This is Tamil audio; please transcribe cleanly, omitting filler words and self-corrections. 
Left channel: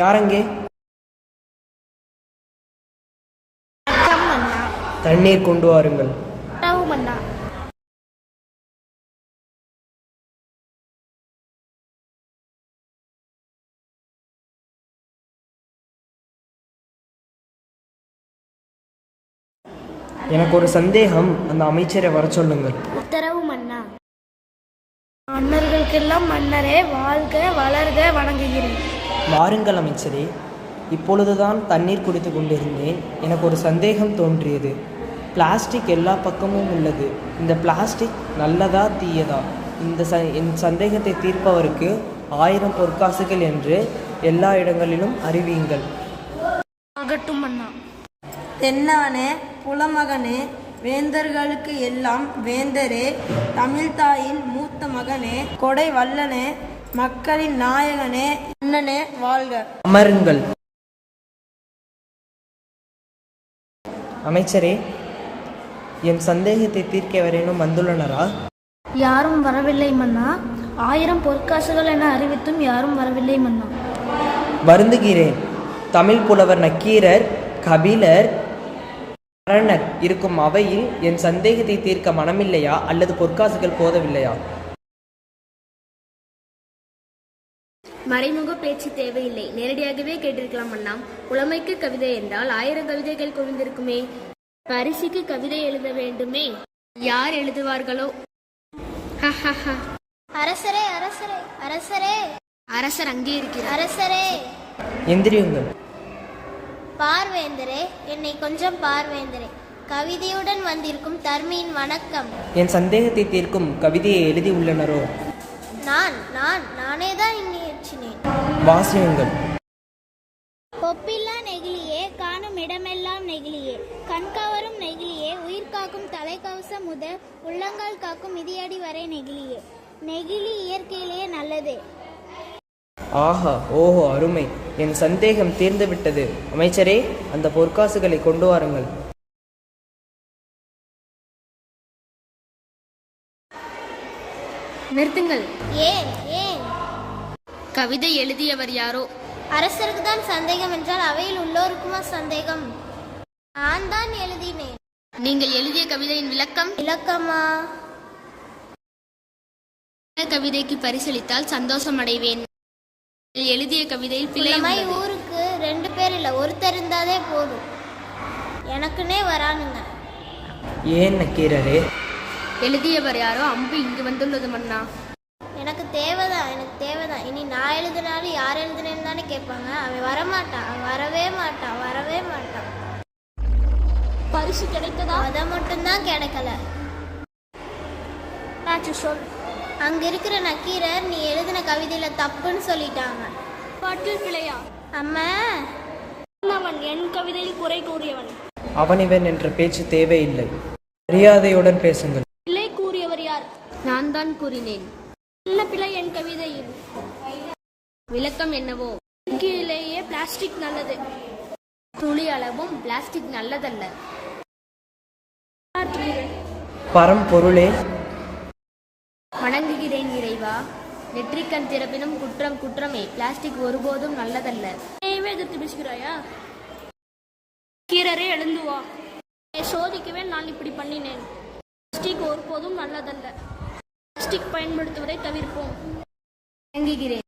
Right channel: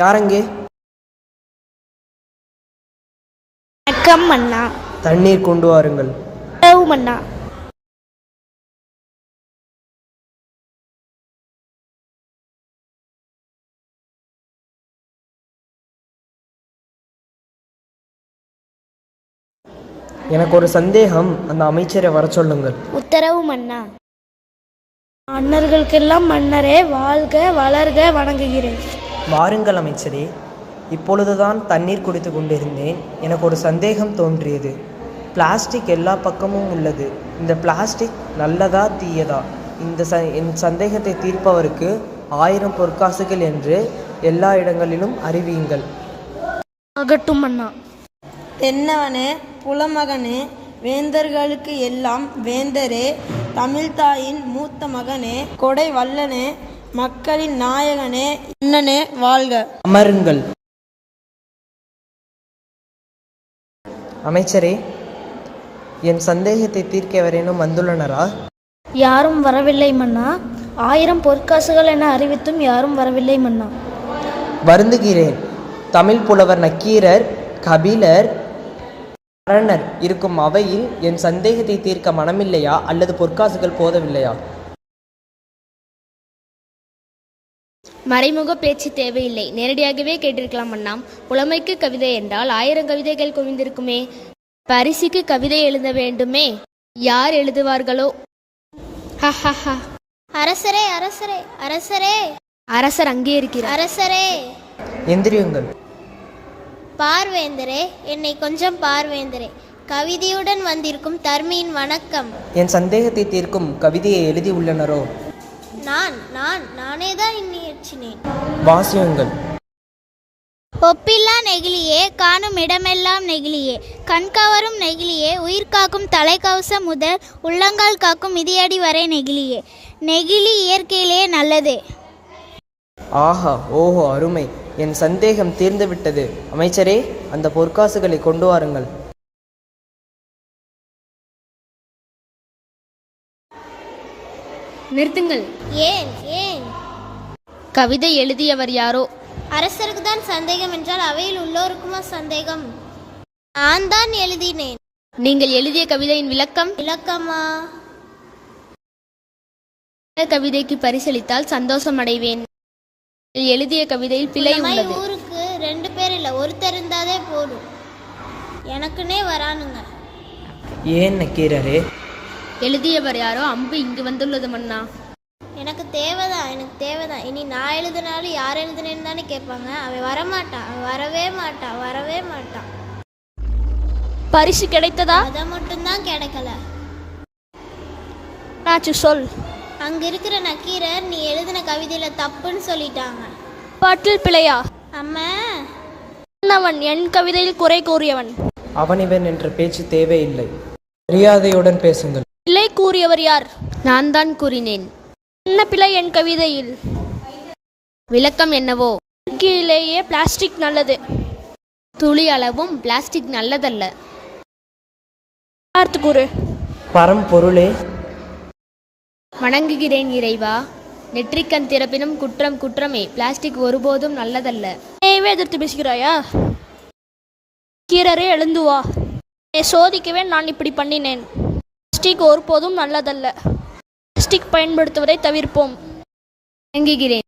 யாரங்கே? வணக்கம் மன்னா. தண்ணீர் கொண்டு வாருங்கள். மன்னா. எனக்கு ஒரு சந்தேகம், அந்த அமைச்சரை வர சொல்லுங்கள். உத்தரவு மன்னா. மன்னர்களுக்கெல்லாம் மன்னரே, வாழ்க வளர்க, வணங்குகிறேன். வாருங்கள் அமைச்சரே. இப்பொழுதுதான் தண்ணீர் குடித்து கொண்டிருந்தேன். எனக்கு ஒரு சந்தேகம் தோன்றியது. பிளாஸ்டிக் எல்லா பக்கமும் உள்ளது. இந்த பிளாஸ்டிக் நல்லதா தீயதா? என் சந்தேகத்தை தீர்ப்பவருக்கு 1000 பொற்காசுகள் என்று எல்லா இடங்களிலும் அறிவியுங்கள். ஆகட்டும் மன்னா. என்னவனே, புலமகனே, வேந்தர்களுக்கு எல்லாம் வேந்தரே, தமிழ்தாயின் மூத்த மகனே, கொடை வல்லனே, மக்களின் நாயகனே, அண்ணனே வாழ்க. அமருங்கள். அமைச்சரே, என் சந்தேகத்தை தீர்க்க வரையினும் வந்துள்ளனரா? யாரும் வரவில்லை மன்னா. 1000 பொற்காசுகள் என அறிவித்தும் யாரும் வரவில்லை மன்னா. வருந்துகிறேன். தமிழ் புலவர் நக்கீரர், கபிலர், கரணர் இருக்கும் அவையில் என் சந்தேகத்தை தீர்க்க மனமில்லையா அல்லது பொற்காசுகள் போதவில்லையா? மறைமுக பேச்சு தேவையில்லை, நேரடியாகவே கேட்டிருக்கலாம் அண்ணா. புலமைக்கு கவிதை என்றால் 1000 கவிதைகள் குவிந்திருக்குமே. பரிசுக்கு கவிதை எழுத வேண்டுமே, யார் எழுதுவார்களோ? அரசரே, அரசரே, அரசரே. அரசர் அங்கே இருக்கிறார். அரசரே. எந்திரியுங்கள். பார்வேந்தரே, என்னை கொஞ்சம் பார்வேந்தரே. கவிதையுடன் வந்திருக்கும் தர்மியின் வணக்கம். என் சந்தேகத்தை தீர்க்கும் கவிதையை எழுதி உள்ளனரோ? நானே தான் இயற்றினேன். வாசியுங்கள். ஒப்பில்லா நெகிழியே, காணும் இடமெல்லாம் நெகிழியே, கண்கவரும் நெகிழியே, உயிர் காக்கும் தலைக்கவசம் முதல் உள்ளங்கால் காக்கும் மிதியடி வரை நெகிழியே. நெகிழி இயற்கையிலேயே நல்லதே. ஆஹா, ஓஹோ, அருமை. என் சந்தேகம் தீர்ந்துவிட்டது. அமைச்சரே, அந்த பொற்காசுகளை கொண்டு வாருங்கள். நிறுத்துங்கள். ஏன் ஏன்? கவிதை எழுதியவர் யாரோ? அரசருக்கு தான் சந்தேகம் என்றால் அவையில் உள்ளோருக்குமா சந்தேகம்? நான் தான் எழுதினேன். நீங்கள் எழுதிய கவிதையின் விளக்கம்? விளக்கமா? கவிதைக்கு பரிசளித்தால் சந்தோஷம் அடைவேன். எழுதிய கவிதையில் பிழை உள்ளது. ஊருக்கு 2 பேர் இல்ல, ஒருத்தர் இருந்தாலே போதும். எனக்குன்னே வரானுங்க. ஏன் நக்கீரரே? எழுதியவர் யாரோ அம்பு இங்கு வந்துள்ளது மன்னா. எனக்கு தேவைதான். இனி நான் எழுதினாலும் யார் எழுதுனேன்னு தானே கேட்பாங்க. அவன் வரமாட்டான், அவன் வரவே மாட்டான். பரிசு கிடைத்ததா? அதை மட்டும்தான் கிடைக்கல. சொல். அங்க இருக்கிற நக்கீரர் நீ எழுதின கவிதையில தப்புன்னு சொல்லிட்டாங்க. பாட்டில் பிழையா? அம்மா, அவன் என் கவிதையில் குறை கூறியவன். அவன் இவன் என்ற பேச்சு தேவையில்லை. மரியாதையுடன் பேசுங்கள். பிழை கூறியவர் யார்? நான் தான் கூறினேன். என்ன பிழை என் கவிதையில்? விளக்கம் என்னவோ? இயற்கையிலேயே பிளாஸ்டிக் நல்லது. துளி அளவும் பிளாஸ்டிக் நல்லதல்ல. பார்த்து கூறு. பரம்பொருளே, வணங்குகிறேன் இறைவா. நெற்றிக்கண் திறப்பினும் குற்றம் குற்றமே. பிளாஸ்டிக் ஒருபோதும் நல்லதல்ல. எதிர்த்து பேசுகிறாயா? கீரரே, எழுந்து வா. சோதிக்கவே நான் இப்படி பண்ணினேன். பிளாஸ்டிக் ஒருபோதும் நல்லதல்ல. பிளாஸ்டிக் பயன்படுத்துவதை தவிர்ப்போம். வணங்குகிறேன்.